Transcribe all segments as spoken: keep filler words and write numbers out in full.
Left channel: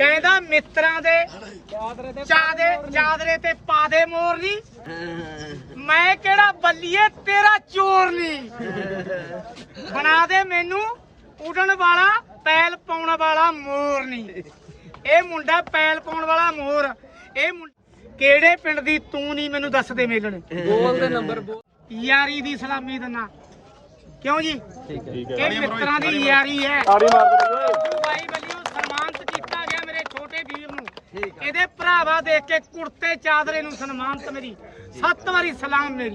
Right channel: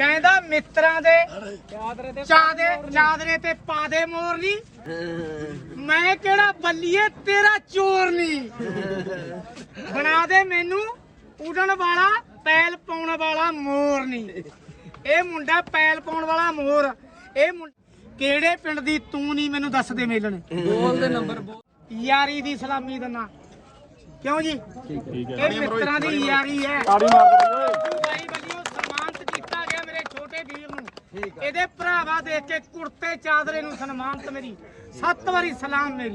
ਕਹਿੰਦਾ ਮਿੱਤਰਾਂ ਦੇ ਚਾਦੇ ਚਾਦਰੇ ਤੇ ਪਾ ਦੇ ਮੋਰ ਨੀ ਮੈਂ ਕਿਹੜਾ ਬੱਲੀਏ ਤੇਰਾ ਚੋਰ ਨੀ ਬਣਾ ਦੇ ਮੈਨੂੰ ਉਡਣ ਵਾਲਾ ਪੈਲ ਪਾਉਣ ਵਾਲਾ ਮੋਰ ਨੀ ਇਹ ਮੁੰਡਾ ਪੈਲ ਪਾਉਣ ਵਾਲਾ ਮੋਰ ਇਹ ਕਿਹੜੇ ਪਿੰਡ ਦੀ ਤੂੰ ਨਹੀਂ ਮੈਨੂੰ ਦੱਸ ਦੇ ਮੇਲਣ ਬੋਲ ਦੇ ਨੰਬਰ ਬੋਲ ਯਾਰੀ ਦੀ ਸਲਾਮੀ ਦਿੰਨਾ ਕਿਉਂ ਜੀ ਠੀਕ ਹੈ ਇਹ ਮਿੱਤਰਾਂ ਦੀ ਯਾਰੀ ਹੈ ਤਾੜੀ ਮਾਰ ਦੇ ਬਾਈ ਵੱਲੋਂ ਸਨਮਾਨਿਤ ਕੀਤਾ ਗਿਆ ਮੇਰੇ ਛੋਟੇ ਵੀਰ ਨੂੰ ਇਹਦੇ ਭਰਾਵਾ ਦੇਖ ਕੇ ਕੁੜਤੇ ਚਾਦਰੇ ਨੂੰ ਸਨਮਾਨਿਤ ਮੇਰੀ ਸੱਤ ਵਾਰੀ ਸਲਾਮ ਮੇਰੀ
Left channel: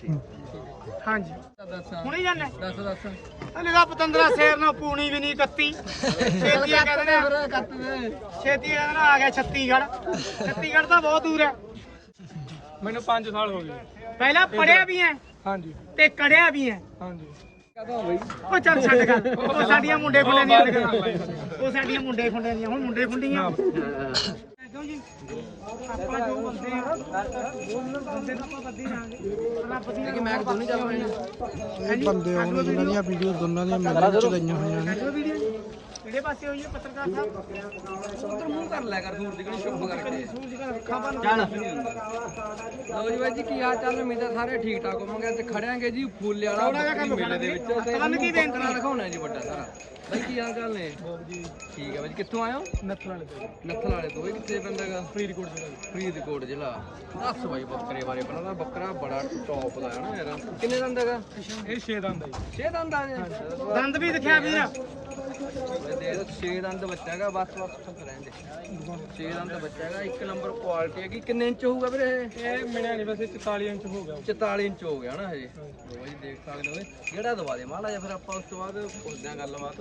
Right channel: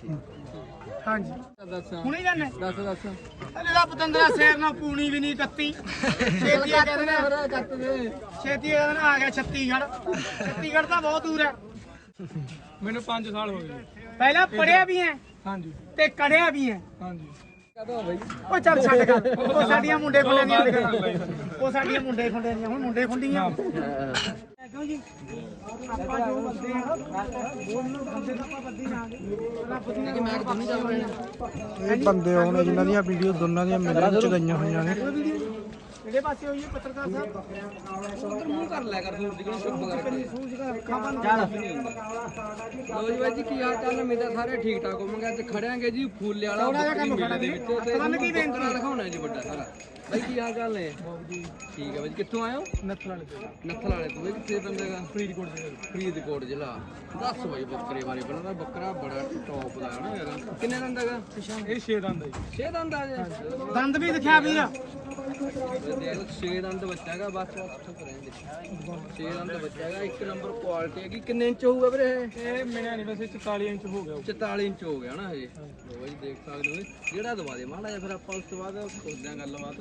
ਹਾਂਜੀ ਦੱਸ ਹੁਣੇ ਜਾਣੇ ਦੱਸ ਦੱਸ ਅਲੇ ਦਾ ਪਤੰਦਰਾ ਸ਼ੇਰ ਨਾਲ ਪੂਣੀ ਵੀ ਨਹੀਂ ਕੱਤੀ ਛੇਤੀ ਕਹਿੰਦਾ ਕੱਟ ਦੇ ਛੇਤੀ ਕਹਿੰਦਾ ਆ ਗਿਆ ਛੱਤੀਗੜ੍ਹ ਛੱਤੀਗੜ੍ਹ ਤਾਂ ਬਹੁਤ ਦੂਰ ਹੈ ਮੈਨੂੰ ਪੰਜ ਸਾਲ ਹੋ ਗਏ ਪਹਿਲਾਂ ਪੜਿਆ ਵੀ ਹੈ ਹਾਂਜੀ ਤੇ ਕੜਿਆ ਵੀ ਹੈ ਹਾਂਜੀ ਕਦੋਂ ਬਈ ਉਹ ਚੱਲ ਛੱਡ ਕਰ ਉਹ ਸਾਡੀਆਂ ਮੁੰਡੇ ਖੁੰਡੇ ਦੀਆਂ ਉਹ ਸਾਡੀਆਂ ਮੁੰਡੇ ਖੁੰਡੇ ਦੀਆਂ ਹੁਣ ਮੁੰਡੇ ਖੁੰਡੀਆਂ ਕਿਉਂ ਜੀ ਆਪਾਂ ਜੋ ਬੰਦੇ ਆ ਬੰਦੇ ਤਾਂ ਆਪਾਂ ਬੱਦੀ ਲਾਂਗੇ ਰੱਬ ਦੀ ਕਿ ਮੈਂ ਦੋਨੇ ਚੱਲ ਪਏ ਇਹ ਬੰਦੇ ਹੋਣ ਜਿਨ੍ਹਾਂ ਦੀਆਂ ਵੀਡੀਓ ਦੋਨਾਂ ਦੀਆਂ ਮੇਰੇ ਵਿੱਚ ਗਈਆਂ ਹੋਈਆਂ ਨੇ ਕਿਹੜੇ ਪਾਸੇ ਹੋਈ ਹੈ ਪੱਤਰਕਾਰ ਸਾਹਿਬ ਉਧਰ ਮੂੰਹ ਕਰ ਲਿਆ ਕਰ ਸੂਰਜ ਕਣੀ ਚੁੱਪ ਕਰਕੇ ਸੂਰਜ ਕਰ ਅੱਖਾਂ ਬੰਦ ਨਹੀਂ ਹੁੰਦਾ ਲੋ ਜੀ ਬਾਈ ਜੀ ਕੀ ਹਾਲ ਚਾਲ ਉਮੀਦ ਆ ਸਾਰੇ ਠੀਕ ਠਾਕ ਹੋਵਾਂਗੇ ਅੱਜ ਖੜਿਆਂਗੇ ਜੀ ਫੁੱਲੇ ਵਾਲਾ ਬੱਕਰੀ ਮੇਲੇ ਦੇ ਵਿੱਚ ਤੇ ਬੱਕਰਾ ਦਿਖਾਉਣਾ ਜੀ ਵੱਡਾ ਸਾਰਾ ਬਾਈ ਕੀ ਹਾਲ ਚਾਲ ਨੇ ਜੀ ਠੀਕ ਆ ਬਾਈ ਕਿੱਥੋਂ ਆਏ ਹੋ ਨੱਥਲ ਵਾਲੇ ਤੋਂ ਨੱਥਲ ਵਾਲੇ ਤੋਂ ਇਹ ਕਿੱਥੇ ਪੈਂਦਾ ਹੈਗਾ ਫਰੀਦਕੋਟ ਜ਼ਿਲ੍ਹਾ ਜੀ ਫਰੀਦਕੋਟ ਜ਼ਿਲ੍ਹਾ ਦੱਸ ਬਾਈ ਬੱਕਰੇ ਬਾਰੇ ਪਹਿਲਾਂ ਤਾਂ ਬੱਕਰਾ ਬੜਾ ਟੌਪ ਦਾ ਹੈ ਨਾ ਯਾਰ ਕਿੰਨੇ ਦੰਦ ਹੈਗਾ ਇਹ ਛੇ ਦੰਦ ਆ ਜੀ ਛੇ ਦੰਦ ਆ ਜੀ ਦੰਦ ਵੀ ਦਿਖਿਆ ਵੀਰ ਬਾਈ ਦੇਖ ਛੇ ਦੰਦ ਬੱਚਾ ਹੈਗਾ ਬਸ ਬਸ ਤੱਕ ਰਹਿੰਦੇ ਛੇ ਦੰਦ ਬੱਚਾ ਹੈਗਾ ਇੱਕ ਨੰਬਰ ਕੁਆਲਿਟੀ ਹੈਗੀ ਕਿੰਨੇ ਇੰਚ ਹੋਊਗਾ ਵੀਰੇ ਇਹ ਮਿਲਿਆ ਨਹੀਂ ਵੈਸੇ ਚੁਤਾਲੀ ਇੰਚ ਹੋ ਗਿਆ ਚੁਤਾਲੀ ਇੰਚ ਹੋ ਗਿਆ ਨਾ ਹਜੇ ਲੋ ਬਾਈ ਦੇਖ ਸਕਦੇ ਹੋ ਜਿਹੜਾ ਦਵਾ ਦੇ ਮਾੜਾ ਜਿਹਾ ਫਿਰ ਆਪਾਂ ਉਸ ਤੋਂ ਬਾਅਦ ਪੁੱਛਦੇ ਆਂ ਗੱਲਬਾਤ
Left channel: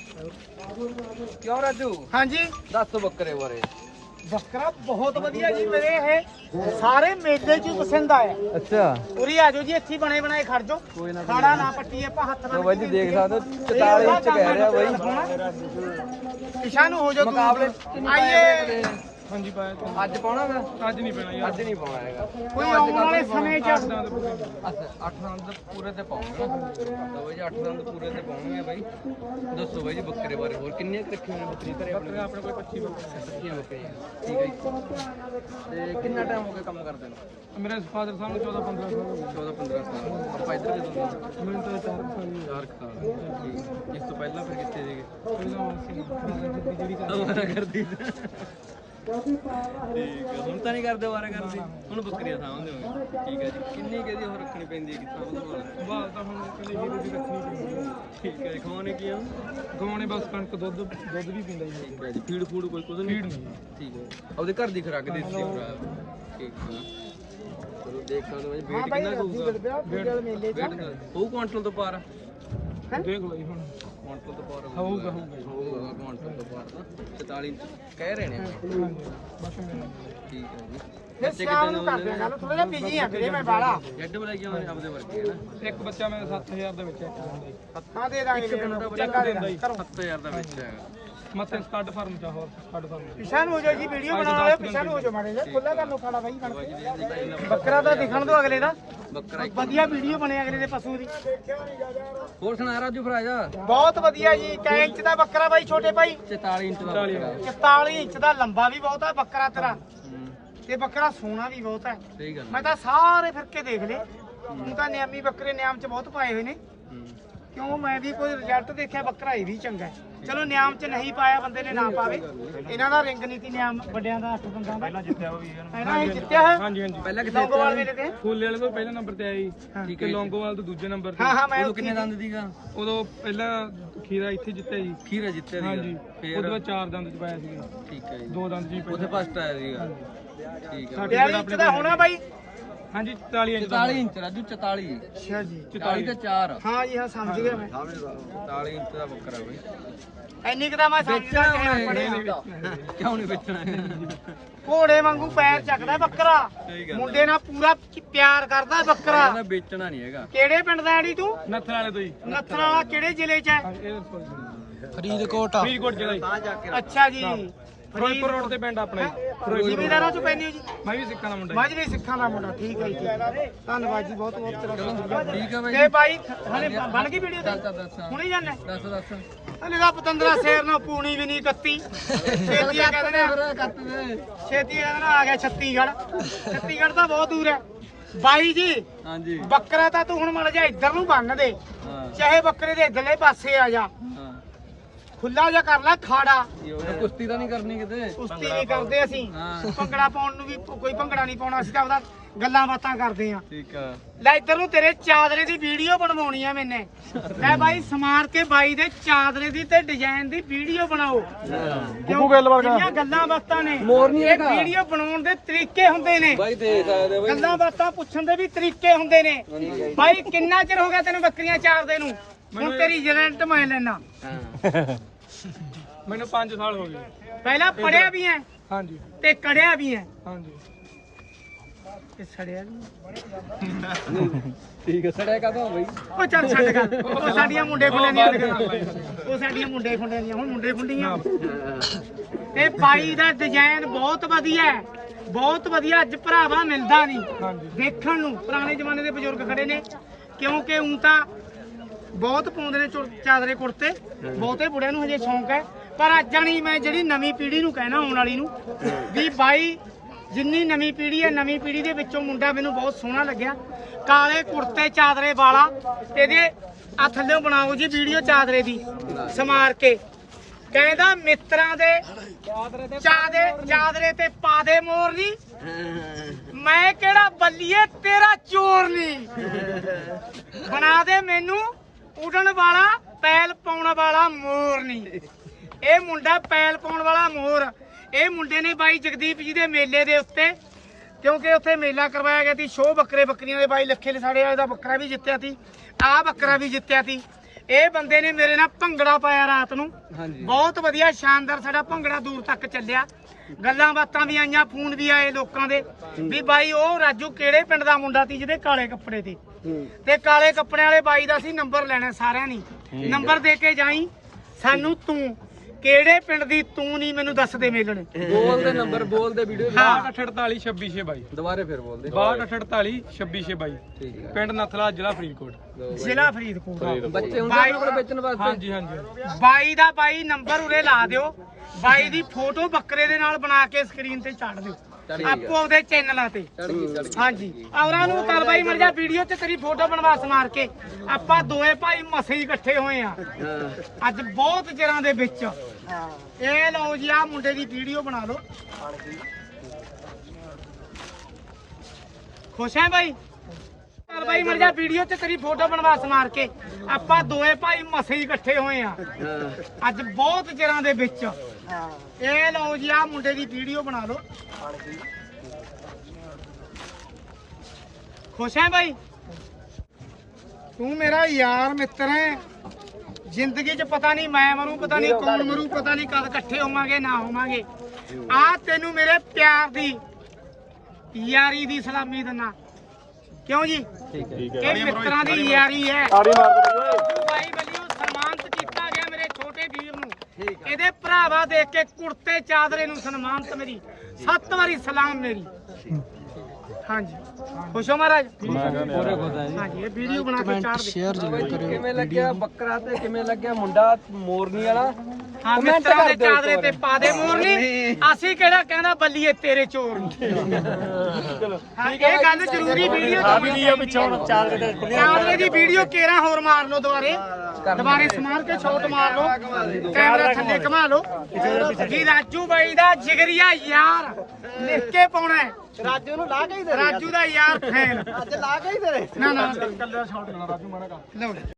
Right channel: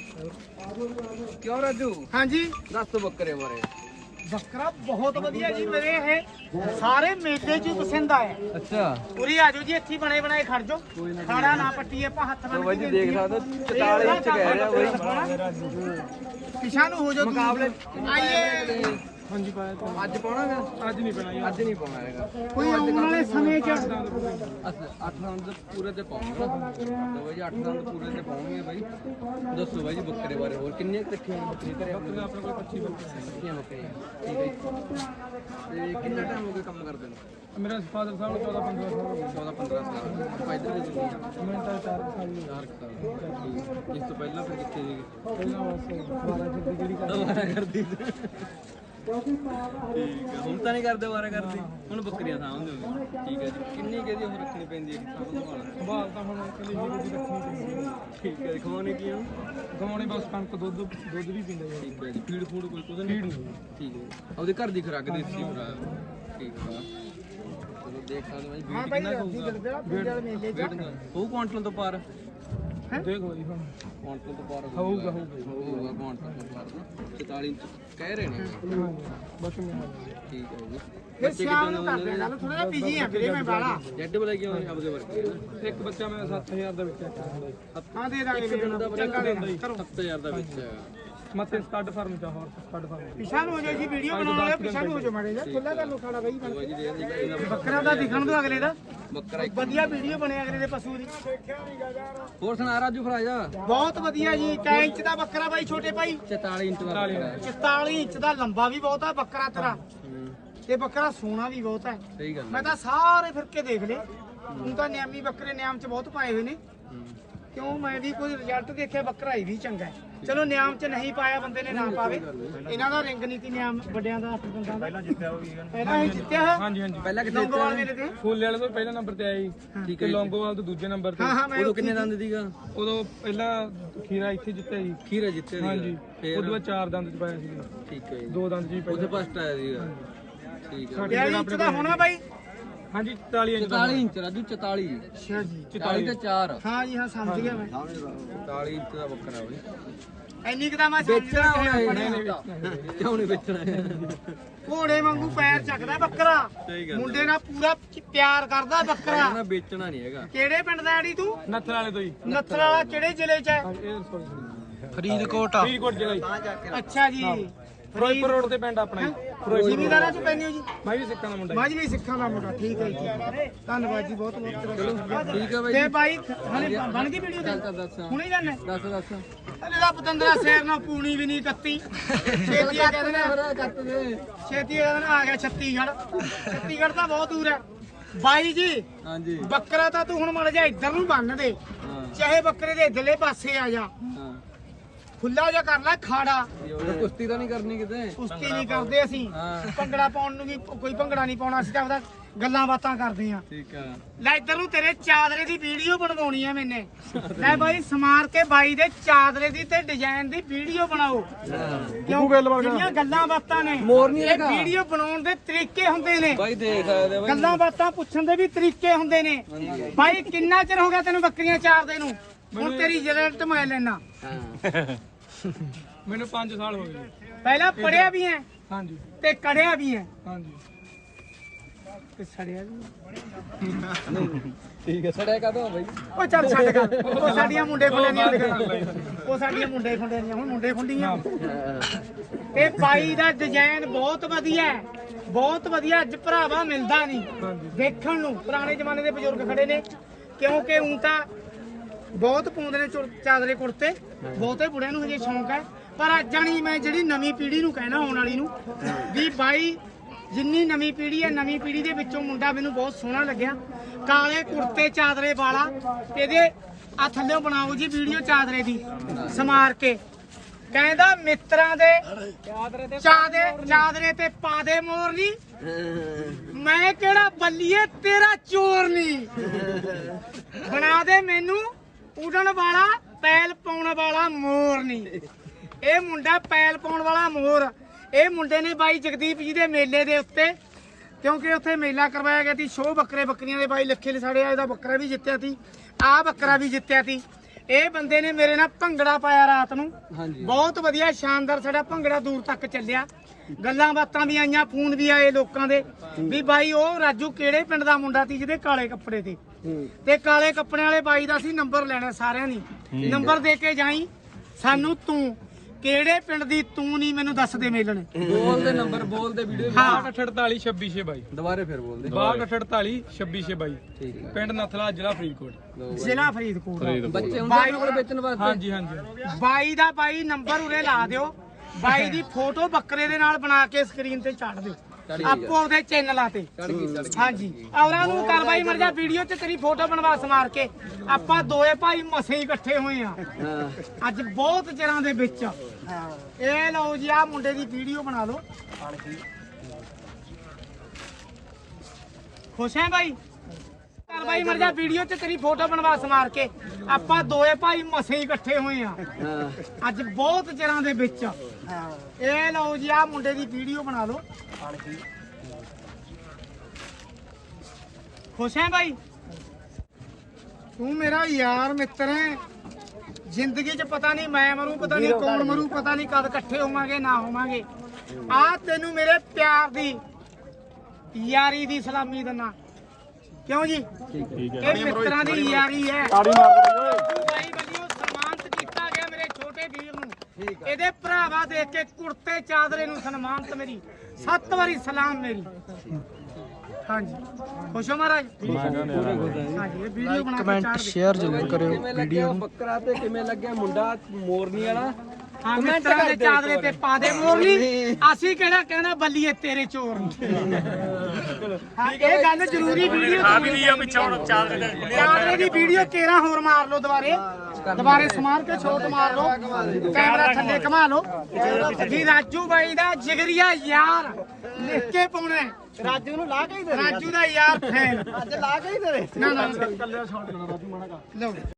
ਕਿਉਂ ਰਾਜੂ ਹਾਂਜੀ ਦੱਸ ਬੱਕਰੇ ਬਾਰੇ ਬੱਕਰਾ ਬਹੁਤ ਵਧੀਆ ਜੀ ਮੇਰੇ ਇਹ ਸਾਰੇ ਮੇਲੇ 'ਚ ਪਸੰਦ ਆਇਆ ਅੱਛਾ ਪੂਰੀ ਆਜੋ ਜੀ ਇੱਥੇ ਬਣੇ ਬਣਾਏ ਖੜ ਜਾਓ ਖਾਣਾ ਨਾ ਪੱਟੀ ਆਪਾਂ ਹੱਥ ਨਾਲ ਬਾਈ ਜੀ ਦੇਖ ਸਕਦੇ ਹੋ ਚੁਤਾਲੀ ਇੰਚ ਕਹਿ ਰਿਹਾ ਬਾਈ ਪਿਛਾ ਨੂੰ ਹੋ ਜਾ ਤੂੰ ਆਈਏ ਹਾਂਜੀ ਪਾਇਆ ਅੱਜ ਪਾਉਣਾ ਮੈਂ ਅੱਜ ਨਹੀਂ ਪੈਣਾ ਯਾਰ ਅੱਜ ਨਹੀਂ ਪਾਉਣਾ ਹੈਗਾ ਕੋਈ ਆਉਣ ਵਾਲੇ ਸਮੇਂ 'ਚ ਅੱਠ ਦੰਦ ਪੂਰੇ ਅੱਛਾ ਅੱਠ ਦੰਦ ਪੂਰੇ ਤੇ ਪਾਉਂਗੇ ਨਾ ਤਾਂ ਬਾਈ ਜੀ ਅੱਠ ਦੰਦ ਪੂਰੇ ਤੇ ਪਾਉਣਗੇ ਬਾਈ ਦੱਸੋ ਬਾਈ ਜੀ ਬੱਕਰੇ ਬਾਰੇ ਹੋਰ ਕਿੰਨੇ ਰੱਖੇ ਹੋਏ ਬੱਕਰੀ ਘਰੇ ਬੱਕਰੇ ਆਪਣੇ ਕੋਲ ਪੱਚੀ ਬੱਕਰੀਆਂ ਪੱਚੀਆਂ ਬੱਕਰੀਆਂ ਠੀਕ ਹੈ ਜੀ ਤੇ ਕਿੰਨਾ ਟਾਈਮ ਹੋ ਗਿਆ ਕੰਮ ਕਰਦੇ ਨੂੰ ਮੇਰੇ ਫਾਦਰ ਸਾਹਿਬ ਨੂੰ ਚੌਦਾਂ ਪੰਦਰਾਂ ਸਾਲ ਹੋ ਗਏ ਚੌਦਾਂ ਪੰਦਰਾਂ ਸਾਲ ਆਪਾਂ ਇੱਧਰ ਜਦੋਂ ਦਾ ਮੈਨੂੰ ਤਾਂ ਚਾਰ ਸਾਲ ਹੀ ਚਾਰ ਸਾਲ ਠੀਕ ਇਸ ਤੋਂ ਪਹਿਲਾਂ ਫਿਰ ਕਿੱਥੇ ਸੀਗੇ ਪਹਿਲਾਂ ਬਸ ਬਾਰਾਂ ਕਰਦੀ ਜਿਹੜੀ ਬਾਰਾਂ ਕਰਦੀ ਠੀਕ ਹੈ ਹੁਣ ਤਾਂ ਨਹੀਂ ਕਰਦੇ ਬਾਰਾਂ ਕਰਦੀ ਹੁਣ ਬੱਕਰੀਆਂ ਸਾਂਭਦੇ ਹੋਗੇ ਠੀਕ ਹੈ ਜੀ ਕਿੰਨੀ ਕਿਹਦੀ ਉਹ ਰੱਖਣੀ ਪੈਂਦੀ ਹੈ ਕਿ ਸਾਂਭ ਸੰਭਾਲ ਸੰਭਾਲ ਤਾਂ ਹੁਣ ਕਹਿੰਦੇ ਹੀਰੇ ਦੀ ਰੱਖਣੀ ਪੈਂਦੀ ਹੈ ਠੀਕ ਹੈ ਖਵਾਉਣੇ ਕੀ ਆ ਗਵਾਉਣੇ ਬਸ ਕਣਕ ਦੁੱਧ ਦੁੱਧ ਵੀ ਪੀਂਦਾ ਜੀ ਠੀਕ ਹੈ ਜੀ ਫੀਡ ਫੂਡ ਕੋਈ ਕੁਝ ਨਹੀਂ ਫੀਡ ਨਹੀਂ ਠੀਕ ਹੈ ਆਪਦੇ ਘਰ ਦੀ ਖੁਰਾਕ ਦੇਸੀ ਖੁਰਾਕ ਠੀਕ ਹੈ ਚਲੋ ਦੇਖ ਸਕਦੇ ਬਾਈ ਵੇਟ ਕਿੰਨਾ ਹੋਊਗਾ ਵੇਟ ਵੇਟ ਉਹ ਕੁਆਂਟਲ ਤੋਂ ਪਾਰ ਦੇਖ ਲਓ ਜੀ ਹੁਣ ਕੁਆਂਟਲ ਤੋਂ ਪਾਰ ਹੋਊਗਾ ਹੋਊਗਾ ਕੁਆਂਟਲ ਤੋਂ ਪਾਰ ਨਾ ਚੁਤਾਲੀ ਇੰਚ ਕਹਿ ਰਹੇ ਨੇ ਹਾਂਜੀ ਬਸ ਮੇਰਾ ਠੀਕ ਹੈ ਜੀ ਬੱਚੇ ਕਿੰਨੇ ਨੇ ਉਹਨਾਂ ਨੇ ਥੋੜਾ ਜਿਹਾ ਪੀਜੀ ਆ ਵੀਰੇ ਮੈਂ ਬਾਲਾ ਜੱਡ ਬੁਲਾ ਕੇ ਆਉਣੇ ਆਪਦੇ ਵਰਗੇ ਹੈ ਨਾ ਇੱਕ ਬੱਚਾ ਮੈਂ ਸੱਤ ਹਜ਼ਾਰ ਦਾ ਵਿੱਚ ਇੱਕ ਦਿਨ ਦਾ ਜੀ ਹਾਂ ਦੇ ਦਾਂਗੇ ਇੱਕ ਦਿਨ ਦਾ ਬੱਚਾ ਇੱਕ ਦਿਨ ਦਾ ਜੀ ਸੱਤ ਹਜ਼ਾਰ ਦਾ ਵਿੱਚ ਹੈਗਾ ਮੱਥੇ ਸਟੱਡ ਫਾਰਮ ਚ ਹੋਰ ਸਟੱਡ ਫਾਰਮ ਪਿਛਾ ਨੂੰ ਹੋ ਜਾ ਜੀ ਵੀਡੀਓ ਬਣਾ ਲਿਆ ਪਿਛਾ ਨੂੰ ਹੋ ਜਾ ਮਾਰੇ ਨੇ ਖੁੱਲਾ ਕੰਮ ਖਾਣਾ ਬਾਈ ਬੱਕਰਾ ਤਾਂ ਦਿਖਣ ਦੋ ਅਗਲੇ ਦਾ ਬੱਕਰਾ ਇੱਕ ਵਧੀਆ ਵੀਡੀਓ ਬਣੇ ਅਗਲੇ ਦੇ ਪਸ਼ੂ ਦੀ ਹੋਰ ਸੁਣਾ ਰਾਜੂ ਫਰਾਜਾ ਬਹੁਤ ਵਧੀਆ ਜੀ ਕੈ ਇੰਚ ਦਾ ਬੱਕਰਾ ਬਾਈ ਛੋਟੇ ਭਾਈ ਚੁਤਾਲੀ ਇੰਚ ਦਾ ਬੱਕਰਾ ਚੁਤਾਲੀ ਇੰਚ ਦਾ ਲੰਬਾ ਵੀ ਬਹੁਤ ਆ ਬੱਕਰਾ ਤੇਰਾ ਤੇ ਬੱਕਰਾ ਸੋਹਣਾ ਵੀ ਬਹੁਤ ਹੈ ਸਹੀ ਗੱਲ ਮੈਂ ਤਾਂ ਸਾਰੇ ਫਿਰਕੇ ਦੇਖ ਲਏ ਤੂੰ ਤਾਂ ਨਿਆਮੀ ਬੱਕਰੇ ਨਿਆਮ ਚ ਬਹੁਤ ਪਾਏ ਹੋਏ ਨੇ ਕਿਉਂ ਮੈਂ ਵੀ ਕੋਈ ਰਿਜ਼ਲਟ ਦੇਖਿਆ ਬੱਕਰਾ ਇਹ ਵੀ ਚੰਗਾ ਚਲੋ ਨਿਆਮ ਚ ਨਹੀਂ ਪਾਇਆ ਬੰਦੇ ਨੇ ਨਾ ਪਾਵੇ ਇਹਨਾਂ ਦਾ ਰਿੰਗ ਨੀਤੀ ਨਿਆਮ ਵੱਡਿਆਂ ਦਾ ਅੱਠ ਦੰਦਾਂ ਦਾ ਪਹਿਲਾਂ ਜਿੱਤਿਆ ਉਹ ਵੀ ਪਹਿਲਾਂ ਹੀ ਜਿੱਤਿਆ ਹੈ ਹਾਂਜੀ ਹਾਂਜੀ ਪਹਿਲਾਂ ਕਿੱਥੇ ਲੌਂਗੋਵਾਲ ਵੇਲੇ ਤੇ ਫੁੱਲੇ ਵਾਲੇ ਤੋਂ ਪਹਿਲਾ ਨੰਬਰ ਤੇ ਆਇਆ ਜੀ ਠੀਕ ਹੈ ਲੌਂਗੋਵਾਲ ਤੋਂ ਦੂਜੇ ਨੰਬਰ ਤੇ ਉਦੋਂ ਕਿੰਨੇ ਦੰਦ ਸੀਗਾ ਉਦੋਂ ਪਹਿਲਾਂ ਖੀਰਾ ਇੱਥੇ ਜਿੱਤਿਆ ਜੀ ਖੀਰਾ ਜਿੱਤਿਆ ਸੀਗਾ ਹਾਂਜੀ ਉਹਦੇ ਬਾਅਦ ਚਾਰ ਦੰਦ ਚ ਪਾਇਆ ਸੀਗਾ ਠੀਕ ਹੈ ਜੀ ਦੋ ਦੰਦ ਜੀ ਉੱਥੇ ਫਸਟ ਆਇਆ ਸੀਗਾ ਠੀਕ ਹੈ ਸਾਡੇ ਆਪਣੇ ਦਾ ਹੋਣਾ ਬਾਈ ਹਾਂਜੀ ਚੁਤਾਲੀ ਇੰਚ ਚੁਤਾਲੀ ਇੰਚ ਰਾਜੂ ਚੁਤਾਲੀ ਅੱਛਾ ਜੀ ਚੁਤਾਲੀ ਤੇ ਚਾਰ ਹਾਂ ਜੀ ਹਾਂ ਸਮਝ ਗਿਆ ਮੈਂ ਚੁਤਾਲੀ ਇੰਚ ਦਾ ਬੱਕਰਾ ਬਾਈ ਐਨੀ ਕਦਾ ਮੈਂ ਵੇਚਣਾ ਕਿਉਂ ਨਹੀਂ ਵੇਚਣਾ ਘੋੜੇ ਵਾਂਗੂ ਪੈਰ ਚੱਕਦਾ ਬੱਕਰਾ ਮੁੰਡੇ ਨਾਲ ਪੂਰਾ ਪਿਆਰ ਕਰਦਾ ਬੱਕਰਾ ਕਹਿੰਦਾ ਵੇਚਣਾ ਨਹੀਂ ਹੈਗਾ ਕਿਹੜੇ ਪਿੰਡ ਦਾ ਐਡੀ ਤੂੰ ਨੱਥਲ ਵਾਲੇ ਤੋਂ ਜੀ ਨੱਥਲ ਵਾਲਾ ਕਿਹੜੇ ਜ਼ਿਲ੍ਹੇ ਚ ਹੈ ਫਰੀਦਕੋਟ ਫਰੀਦਕੋਟ ਜ਼ਿਲ੍ਹਾ ਅੱਛਾ ਜੀ ਫਿਰੋਜ਼ਪੁਰ ਰੋਡ ਤੇ ਪਿੰਡ ਆਪਣਾ ਜ਼ਿਮੀਦਾਰਾਂ ਚ ਪੈਣੀ ਹੋ ਜੀ ਮੈਂ ਵੀ ਸਿੱਖਾਂ ਦਾ ਮੁੰਡਾ ਮਾਝ ਨਹੀਂ ਸਿੱਖਾਂ ਦਾ ਮੁੰਡਾ ਠੀਕ ਹੈ ਜੀ ਠੀਕ ਹੈ ਧੰਨਵਾਦ ਜੀ ਬਹੁਤ ਬਹੁਤ ਤੇਰਾ ਸ਼ੁਕਰੀਆ ਠੀਕ ਹੈ ਬਾਈ ਤੇ ਬਾਈ ਹਲੇ ਬਣ ਗਈ ਵੀਡੀਓ ਚੱਲ ਚੱਲ ਦੱਸ ਹੁਣੇ ਜਾਣਾ ਦੱਸ ਦੱਸ ਅਰੇ ਰੱਬ ਤੰਦਰਾ ਸ਼ੇਰ ਨਾ ਪੂਣੀ ਵੀ ਨਹੀਂ ਕੱਤੀ ਛੇਤੀ ਕਹਿੰਦਾ ਫਿਰ ਕੱਟ ਦੇ ਛੇਤੀ ਕਹਿੰਦਾ ਆ ਗਿਆ ਛੱਤੀਗੜ੍ਹ ਛੱਤੀਗੜ੍ਹ ਤਾਂ ਬਹੁਤ ਦੂਰ ਹੈ ਬਾਈ ਜੀ ਹਾਂਜੀ ਬੱਕਰਾ ਤਾਂ ਤੂੰ ਹੁਣ ਮੜ ਜਾ ਇੱਧਰ ਨੂੰ ਬੰਨ ਦੇ ਹਾਂ ਚਾਹੇ ਬੱਕਰੇ ਦੇ ਇੱਧਰਲੇ ਪਾਸੇ ਆ ਜਾ ਹਾਂ ਖੁੱਲਾ ਜਾ ਕਰ ਲੈ ਖਾੜਾ ਇਹ ਕੁਸ਼ਤੀ ਤਾਂ ਨਹੀਂ ਕਰਨੀ ਕਿਤੇ ਕੁਸ਼ਤੀ ਨਹੀਂ ਕਰਦੇ ਅਸੀਂ ਹਾਂ। ਭੰਗੜਾ ਪਾਉਣ ਨੂੰ ਵੀ ਕੋਈ ਭੰਗੜਾ ਨਹੀਂ ਪਾਉਣਾ ਅਸੀਂ ਤਾਂ ਆਪਦਾ ਗੱਲਾਂ ਬਾਤਾਂ ਕਰਦੇ ਆ ਠੀਕ ਆ ਲੈ ਇੱਧਰ ਨੂੰ ਤੇਰੇ ਚਾਦਰੇ ਦੀ ਵੀਡੀਓ ਬਣਵਾਉਣੀ ਆ ਮੈਨੇ ਲੈ ਬਾਈ ਸਮਾਰ ਕੇ ਬਾਈ ਦੇ ਚਾਦਰੇ ਦੀ ਤੇ ਡਿਜ਼ਾਈਨ ਦੀ ਵੀਡੀਓ ਬਣਾਓ ਕਿਉਂ ਜਿਹੜੀਆਂ ਗੱਲਾਂ ਬਾਤਾਂ ਨੇ ਇਹ ਵੀਡੀਓ ਬਣਾਉਣ ਦੇ ਤਰੀਕੇ ਹੁੰਦੇ ਨੇ ਬਾਈ ਦੇਖ ਸਕਦੇ ਬਾਈ ਗੱਲਾਂ ਬਾਤਾਂ ਪੁੱਛਣ ਦੇ ਵੀ ਤਰੀਕੇ ਹੁੰਦੇ ਨੇ ਬਾਈ ਕਿੰਨਾ ਚਿਰ ਹੋ ਗਿਆ ਤੈਨੂੰ ਬੱਕਰੀਆਂ ਚਾਰਦੇ ਨੂੰ ਹੁਣ ਤੇਰੀ ਰਿਜ਼ਲਟ ਮੈਂ ਲੈਣਾ ਮੈਨੂੰ ਪੰਜ ਸਾਲ ਹੋ ਗਏ ਪਹਿਲਾਂ ਪੜਿਆ ਵੀ ਹੈ ਹਾਂਜੀ ਤੇ ਕੜਿਆ ਵੀ ਹੈ ਹਾਂਜੀ ਤੇ ਸੜਿਆ ਵੀ ਠੀਕ ਹੈ ਸੜਿਆ ਕਦੋਂ ਬਾਈ ਉਹ ਚੱਲ ਛੱਡ ਗੱਲ ਉਹ ਸਾਡੀਆਂ ਮੁੰਡੇ ਖੁੰਡੇ ਦੀਆਂ ਉਹ ਸਾਡੀਆਂ ਮੁੰਡੇ ਖੁੰਡੇ ਦੀਆਂ ਹੁਣ ਮੁੰਡੇ ਖੁੰਡੀਆਂ ਤੇ ਬਾਈ ਦਾ ਡਿਜ਼ਾਈਨ ਬਹੁਤ ਵਧੀਆ ਹੈ ਬਹੁਤ ਵਧੀਆ ਅੱਜ ਭਰਾਵਾ ਮਿਲਦਾ ਨਹੀਂ ਦੇਖਣ ਨੂੰ ਪੁਰਾਣੇ ਜ਼ਮਾਨੇ ਦੇ ਬਜ਼ੁਰਗ ਖੜੇ ਨੇ ਕਿਉਂਕਿ ਹੁਣ ਤਾਂ ਬਹੁਤ ਪਾਉਂਦੇ ਨੇ ਚੁਰ- ਚਾਦਰੇ ਕੁੜਤੇ ਬਹੁਤੇ ਬੁੜਿਆਂ ਨੂੰ ਹਜੇ ਸ਼ੌਂਕ ਹੈ ਪਰ ਅੱਜ ਜਾਣੀ ਮੈਂ ਜਿਹੜੀ ਨਵੀਂ ਪੀੜ੍ਹੀ ਨੂੰ ਕਹਿਣਾ ਆਉਣ ਵਾਲੀ ਨੂੰ ਵੀ ਬਾਈ ਜਿੰਨੀ ਨਵੀਂ ਪੀੜ੍ਹੀ ਹੈ ਨਵੀਂ ਪੀੜ੍ਹੀ ਦੇ ਵਿੱਚੋਂ ਮੁੰਡਾ ਮੈਨੂੰ ਬਹੁਤ ਸੋਹਣਾ ਲੱਗਿਆ ਕਾਲੇ ਕੁੜਤੇ ਚਾਦਰੇ ਵਾਲਾ ਇਹਦੇ ਆ ਥੱਲੇੋਂ ਬਣਾਓ ਜੀ ਵੀਡੀਓ ਚਾਦਰੇ ਦੀ ਸਮਾਰ ਕੇ ਕਹਿੰਦਾ ਮਿੱਤਰਾਂ ਦੇ ਚਾਦਰੇ ਚਾਦਰੇ ਤੇ ਪਾ ਦੇ ਮੋਰ ਨਹੀਂ ਮੈਂ ਕਿਹੜਾ ਬੱਲੀਏ ਤੇਰਾ ਚੋਰ ਨਹੀਂ ਬਣਾ ਦੇ ਮੈਨੂੰ ਉਡਣ ਵਾਲਾ ਪੈਲ ਪਾਉਣ ਵਾਲਾ ਮੋਰ ਨਹੀਂ ਇਹ ਮੁੰਡਾ ਪੈਲ ਪਾਉਣ ਵਾਲਾ ਮੋਰ ਇਹ ਮੁੰਡੇ ਨੇ ਬਾਈ ਜਗਦੀਪ ਜੀ ਦੇ ਮੇਲੇ ਦੇ ਉੱਤੇ ਕਿਉਂਕਿ ਉੱਥੇ ਮੇਲਾ ਕਰਵਾਇਆ ਗਿਆ ਸੀ ਸ਼ੋਅ ਬੱਕਰੇ ਬੱਕਰੀਆਂ ਦੇ ਬਾਈ ਲੱਖੇ ਲਸਾੜੇ ਦਾ ਬੱਕਰਾ ਵੀ ਜਿੱਤਿਆ ਸੀ ਆਹ ਬੱਕਰਾ ਵੀ ਜਿੱਤਿਆ ਸੀ ਇਹ ਬੰਦੇ ਨੇ ਮੇਰੇ ਨਾਲ ਭੰਗੜਾ ਪਾਇਆ ਰਾਤ ਨੂੰ ਬਹੁਤ ਵਧੀਆ ਸ਼ਾਨਦਾਰ ਸਾਡਾ ਭੰਗੜਾ ਦੂਰ ਤੱਕ ਚੱਲਿਆ ਗੱਲਾਂ ਬਾਤਾਂ ਵੀ ਆਈਆਂ ਫੋਨ ਵੀ ਆਏ ਲੋਕਾਂ ਦੇ ਵੀ ਬਾਈ ਉਹ ਰਾਜੂ ਕਿਹੜੇ ਪਿੰਡ ਦਾ ਮੁੰਡਾ ਸੀ ਜਿਹਦੇ ਕਾਲੇ ਕੱਪੜੇ ਤੇ ਤੇ ਕਾਲੇ ਕੱਪੜਿਆਂ ਵਾਲੇ ਬਾਈ ਦਾ ਸੀ ਨੰਬਰ ਲੈਣਾ ਸਾਰਿਆਂ ਨੇ ਨੰਬਰ ਦੇ ਕੇ ਜਾਈ ਸਾਨੂੰ ਤੂੰ ਕਿਹੜੇ ਪਿੰਡ ਦੀ ਤੂੰ ਨਹੀਂ ਮੈਨੂੰ ਦੱਸ ਦੇ ਮੇਲਣ ਬੋਲ ਦੇ ਨੰਬਰ ਬੋਲ ਦੇ ਵੀਡੀਓ ਹਾਂ ਬਾਹਠ ਅਠਤਾਲੀ ਛੱਬੀ ਛੇ ਬਾਈ ਦੁਬਾਰੇ ਫਿਰ ਬੋਲ ਦੇ ਬਾਹਠ ਅਠਤਾਲੀ ਛੱਬੀ ਛੇ ਬਾਈ ਪਿੰਡ ਨਥਲਾ ਜ਼ਿਲ੍ਹਾ ਫਰੀਦਕੋਟ ਜ਼ਿਲ੍ਹਾ ਫਰੀਦਕੋਟ ਬੱਚੇ ਹੁੰਦੇ ਕੋਲ ਵੇਚਣ ਵਾਸਤੇ ਹਾਂਜੀ ਹਾਂਜੀ ਬਾਈ ਦਾ ਬਾਈ ਨੰਬਰ ਉਰੇ ਲਾ ਦਿਓ ਬਾਈ ਦੀ ਫੋਟੋ ਬੱਕਰੇ ਦੇ ਨਾਲ ਬਣਾ ਕੇ ਸਕਰੀਨ ਤੇ ਛੱਡ ਦਿਓ ਆਪੋ ਉਹਦੇ ਚੈਨਲਾਂ ਤੇ ਹਾਂਜੀ ਔਰਾਂ ਨੂੰ ਕਰ ਬਾਈ ਮਰ ਜਾ ਵੀਡੀਓ ਚ ਤੇਰੀ ਫੋਟੋ ਬਣਵਾ ਸਮਾਰ ਕੇ ਆਪਾਂ ਦੋਏ ਭਾਈ ਮਸੇ ਇਕੱਠੇ ਹੋਏ ਆ ਅੱਜ ਬਹੁਤ ਚਿਰਾਂ ਦੇ ਵਿੱਚ ਇਹ ਲਓ ਜੀ ਆ ਮੁੰਡੇ ਦੀ ਵੀਡੀਓ ਬਣਾ ਲਓ ਖੁਸ਼ ਹੈ ਬਾਈ ਚੱਲ ਬਾਈ ਮਰ ਜਾ ਵੀਡੀਓ ਚ ਤੇਰੀ ਫੋਟੋ ਬਣਵਾ ਸਮਾਰ ਕੇ ਆਪਾਂ ਦੋਏ ਭਾਈ ਮਸੇ ਇਕੱਠੇ ਹੋਏ ਆ ਅੱਜ ਬਹੁਤ ਚਿਰਾਂ ਦੇ ਵਿੱਚ ਇਹ ਲਓ ਜੀ ਆ ਮੁੰਡੇ ਦੀ ਵੀਡੀਓ ਬਣਾ ਲਓ ਖੁਸ਼ ਹੈ ਬਾਈ ਤੂੰ ਮੇਰਾ ਯਾਰ ਮਿੱਤਰ ਹੈ ਜ਼ਿੰਦਗੀ 'ਚ ਪਤਾ ਨਹੀਂ ਮੈਂ ਮਰੂ ਪਤਾ ਨਹੀਂ ਕੌਣ ਮਰੂ ਪਤਾ ਨਹੀਂ ਕਦ ਇਕੱਠੇ ਹੋਵਾਂਗੇ ਨਾ ਹੋਵਾਂਗੇ ਆ ਤੈਨੂੰ ਮੇਰੇ ਪਿਆਰ ਦੀ ਯਾਰੀ ਦੀ ਸਲਾਮੀ ਦਿੰਨਾ ਕਿਉਂ ਜੀ ਇਹ ਮਿੱਤਰਾਂ ਦੀ ਯਾਰੀ ਹੈ ਰਾਜੂ ਬਾਈ ਵੱਲੋਂ ਸਨਮਾਨਿਤ ਕੀਤਾ ਗਿਆ ਮੇਰੇ ਛੋਟੇ ਵੀਰ ਨੂੰ ਇਹਦੇ ਭਰਾਵਾ ਦੇਖ ਕੇ ਕੁੜਤੇ ਚਾਦਰੇ ਨੂੰ ਸਨਮਾਨਿਤ ਮੇਰੀ ਸੱਤ ਵਾਰੀ ਸਲਾਮ ਮੇਰੀ ਹਾਂਜੀ ਖੁਸ਼ ਹੋ ਮਹਾਰਾਜ ਪੂਰੇ ਖੁਸ਼ ਆ ਜੀ ਹਾਂਜੀ ਇਹ ਵੀਡੀਓ ਬਣਾ ਕੇ ਚਾਰ ਦੇ ਸ਼ੇਅਰ ਜ਼ਰੂਰ ਕਰਿਓ ਕਿਵੇਂ ਲੱਗਿਆ ਬੱਕਰਾ ਤੇ ਕਿਵੇਂ ਲੱਗਿਆ ਮੁੰਡਾ ਮੋਰਨੀ ਵਾਲਾ ਹਾਂ ਮਿੱਤਰਾਂ ਦੇ ਚਾਦਰੇ ਤੇ ਪਾ ਦੇ ਮੋਰਨੀ ਅਸੀਂ ਕਿਹੜਾ ਕਹਿੰਦਾ ਬੱਲੀਏ ਤੇਰੇ ਚੋਰ ਨੂੰ ਹਾਂ ਇਹ ਗੱਲ ਜ਼ਰੂਰੀ ਵੀਡੀਓ ਚ ਚਾਦਰੇ ਦੀ ਵੀਡੀਓ ਕੇਰਾ ਹੋਰ ਮਾਰ ਲਓ ਦੁਬਾਰੇ ਦੁਬਾਰੇ ਸਮਾਰ ਕੇ ਛੋਟ ਮਾਰ ਲਓ ਕੈਮਰਾ ਥੱਲੇ ਘੁਮਾ ਲਓ ਜੀ ਰਾਜੂ ਬਾਈ ਦਾ ਜਿਗਰੀਆ ਯਾਰ ਲਿਖ ਕੇ ਪਾਉਣਾ ਹੈ ਰਾਜੂ ਨੂੰ ਲਾ ਕੇ ਹੀ ਦੇ ਰਾਜੂ ਦਾ ਯਾਰ ਫੈਨ ਅੱਜ ਲਾ ਕੇ ਹੀ ਦੇ ਨਾ ਨਾ ਕੱਲਾ ਸ਼ਾਟ ਲੈਣਾ ਰਾਜੂ ਮਾਣਾ ਲਓ